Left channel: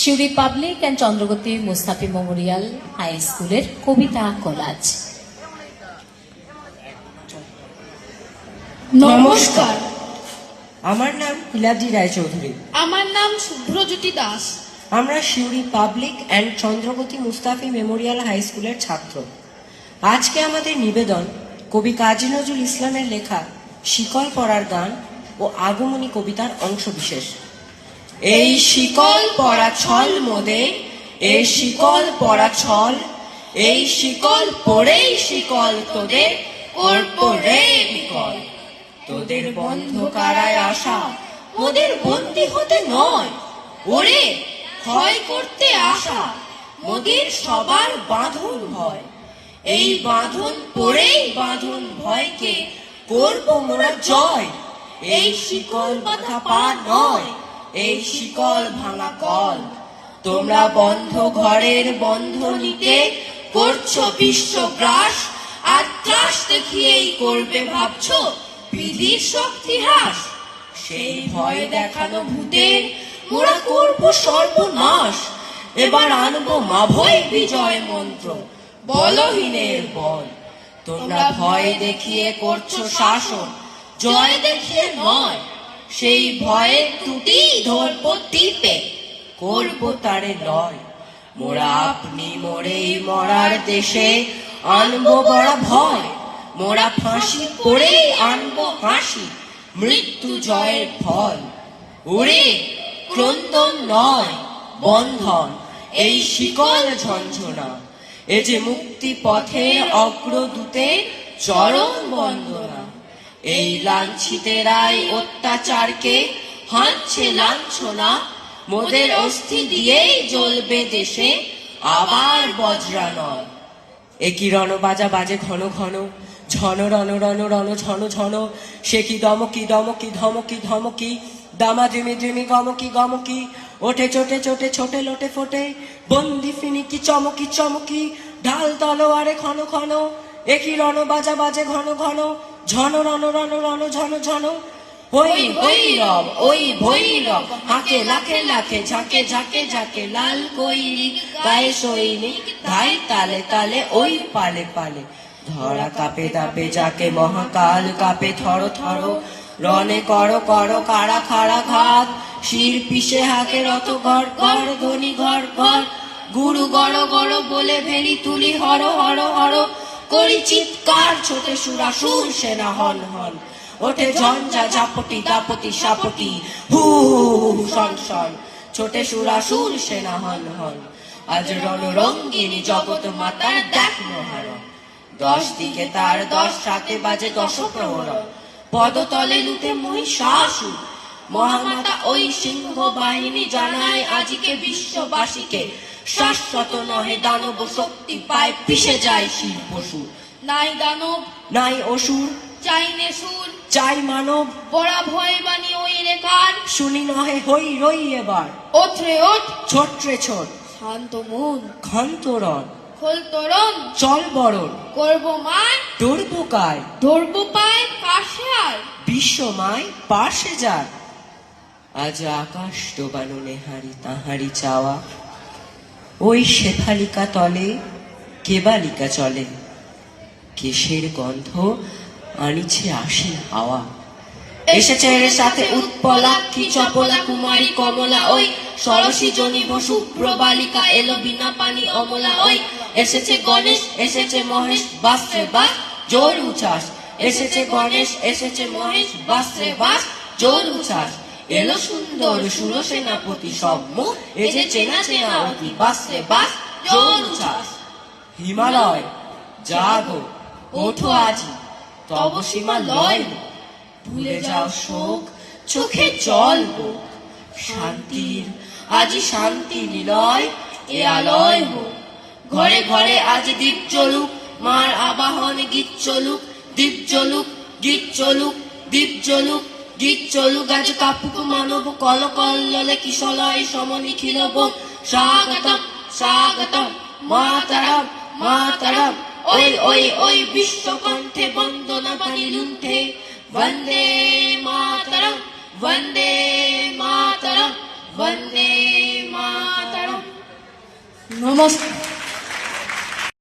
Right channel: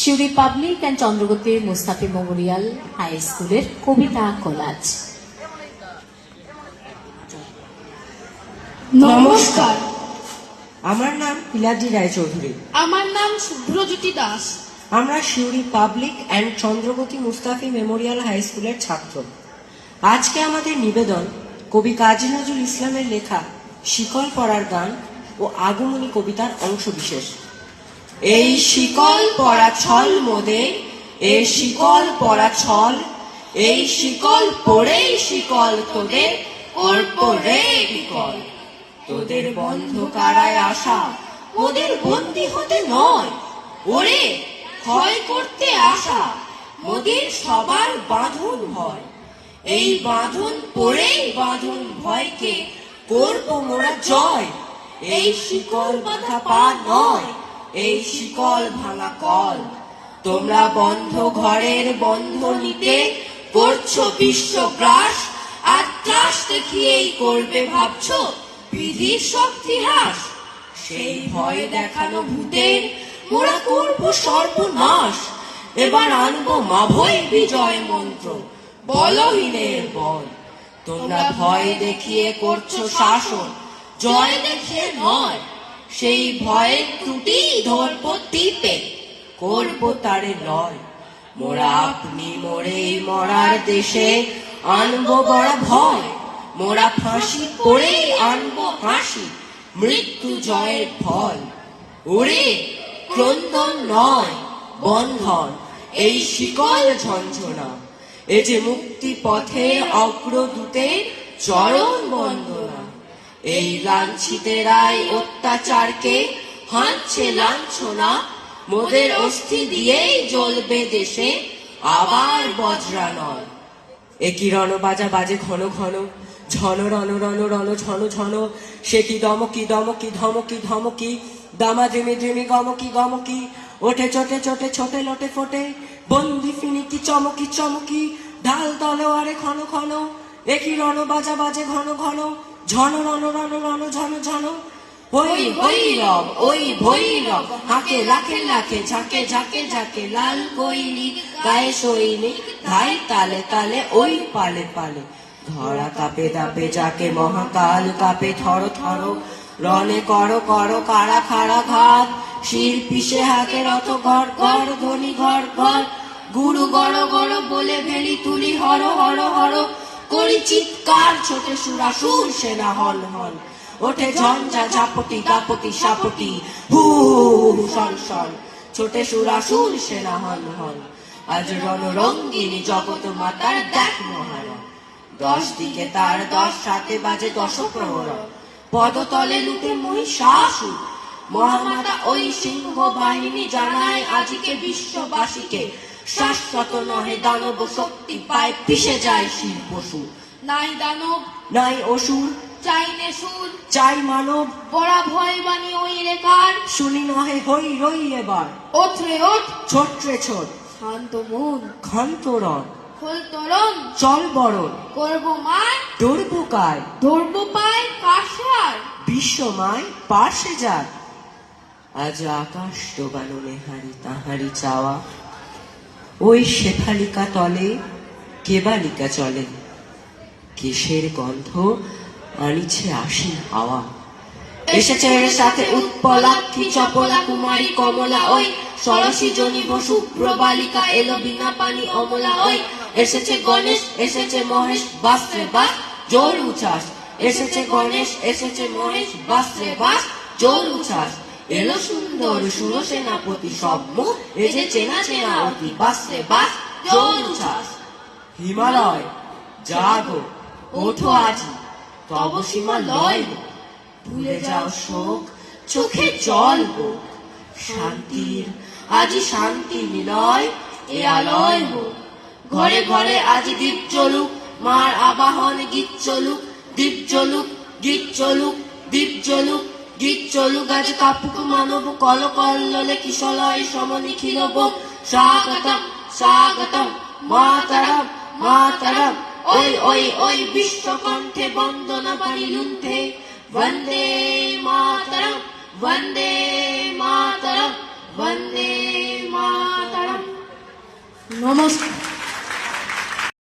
Suri public and Chandragati Mustafi memorial high স্কুলের কবিতা collage. নমস্কার, আমার নাম ইলাদি রায়চৌধুরী। আমার নাম শুভ্রজ্যোতি দাস। আমরা Suri public and Chandragati Mustafi memorial high স্কুলের ছাত্র। আজকে আমাদের নিবেদন কবি কাজী নজরুল ইসলামের লেখা শিকল পরার গান ও আগমনী কবিতার অংশবিশেষ। এই শিকল পরা ছল মোদের, এই শিকল পরা ছল, এই শিকল পরেই শিকল তোদের করবো রে বিকল। তোদের বন্ধ কারায় আসা ওদের বন্দী হতে নয়, ওরে ক্ষয় করতে আসা মোদের সবার বাঁধন ভয়। এই বাঁধন পরেই বাঁধন ভয়কে করবো মোরা জয়। এই শিকল বাঁধা পা নয়, এই শিকল ভাঙা কল। তোমরা বন্ধ ঘরের বন্ধ নিতে করছো বিশ্বগ্রাস, আর ত্রাস দেখিয়েই করবে ভাবছো বিধির শক্তি হ্রাস। সেই ভয় দেখানো ভূতের মোরা করবো সর্বনাশ। এবার আনবো মাভৈ বিজয় মন্ত্র, বলহীনের বল। তোমরা ভয় দেখিয়ে করছো শাসন, জয় দেখিয়ে নয়। সেই ভয়ের ত্রুটি ধরবো টিপে, করবো তারে লয়। মোরা আপনি মোরেই মরার দেশে আনবো বড় ভয়। মোরা ফাঁসি করেই আনবো হাসি, মৃত্যু জয়ের ফল। ওরে ক্রন্দন নয় বন্ধন, এই শিকল ঝঞ্ঝনা। এ যে মুক্তি পথে অগ্রদূতের চরণ বন্দনা। এই লাঞ্ছিতেরাই অত্যাচারকে হাঁটছে লাঞ্ছনা। মোদের অস্থি দিয়েই জ্বলবে দেশে আবার বজ্রানল। একই রণবাজা বাজে ঘন ঘন, ঝন রণ রণ রণ ঝন ঝন। সে কি দমকি দমকি ধমকি ধমকি, দামা ধিমি ধিমি গমকি গমকি। ওঠে চোটে চোটে ছোটে লোটে ফোটে, বন্দি ফিনিকি চমকি চমকি। ঢাল তলোয়ারে ঘন ঘন, একই রণবাজা বাজে ঘন ঘন, ঝন রণ রণ রণ ঝন ঝন। ওই ভৈরব ওই ভৈরব, হাঁকে লাখে লাখে, ঝাঁকে ঝাঁকে ঝাঁকে। লাল কৈরিক গায়ে সৈনিক, ধাই তালে তালে ওই পালে পালে। ধরা কাপে দাপে যাকে মহাকাল কাপে থর থর। রণে করো করো কারা খাড়া ঘাত, শির পিষে হাকে রত ঘর ঘর ধনি ঘর ঘর। গুরু গড় গড় বলে ভেলি তুলি হর হর হর। করি চিৎকার ছোটে সুরাসুর সেনা হন হন। ওঠে ঝঞ্ঝা ঝাপটি দাপটি সাপটি, হু হু শন শন। ছোটে সুরাসুর সেনা হন হন। আজ রণরঙ্গিনী জগৎ মাতার দেখ মহারণ। 10 দিকে তার 10 সাথে বাজে 10 প্রহরণ। পদতলে লুটে মহিষাসুর, মহামাতা ওই সিংহ বাহিনী জানায় আজিকে বিশ্ববাসীকে। শাশ্বত নহে দানব শক্তি পায় পিষে যায় শির পশু। নাই দানব নাই অসুর, চাই নেশুর, চাই মানব। বড়া ভয় বাণী ওই রেখার। শুনি নহে হই রই এবার, ওঠরে ওঠ ছোট্রে ছোট। শান্ত মন, ক্ষন্তরণ খোল তোরণ, চল বরণ। করব মান, ধরবো কায়, ধরব পায় কাশায়। বিশ্বমায় পার্শ্বে যার। আজ আকাশ ডোবানো নেহারি তাহারি চাওয়া। ওই শেফালিকা তলে কেবালিকা চলে। কেশের গন্ধ আনিছে আশির হাওয়া। এসেছে এর সাথে উৎপলাক্ষী চপলা কুমারী কমলা ওই। সরসী জনিব শুভ্র বালিকা এলো বিনা পানি অমলা ওই। এসেছে গণেশ এসেছে মহেশ, বাসরে বাস জোর উচ্ছ্বাস। এসেছে গণেশ এসেছে মহেশ, বাসরে বাস জোর উচ্ছ্বাস। এলো সুন্দর সুর সেনাপতি সৌম্য, এ যে চেনা চেনা অতি, বাসরে বাস জোর উচ্ছ্বাস। হিমালয় জাগো ওঠো আজি, তব সীমা লয় গো। ভুলে যাও শোক চোখে জল গো। শান্তির আজি শান্তি নিলয় এ আলয় গো। ঘরে ঘরে আজি দীপ জ্বলুক, মার আবাহন গীত চলুক। দীপ জ্বলুক গীত চলুক, দীপ জ্বলুক গীত চলুক। আজ কাপুক মানব কল কল্লোলে কিশলয় সম নিখিল বোম। স্বাগতম স্বাগতম মাতরম মাতরম। ওই ওই ওই বিশ্বকণ্ঠে বন্দনা বাণী লুণ্ঠে। वंदे मातरम वंदे मातरम वंदे मातरम। নমস্কার।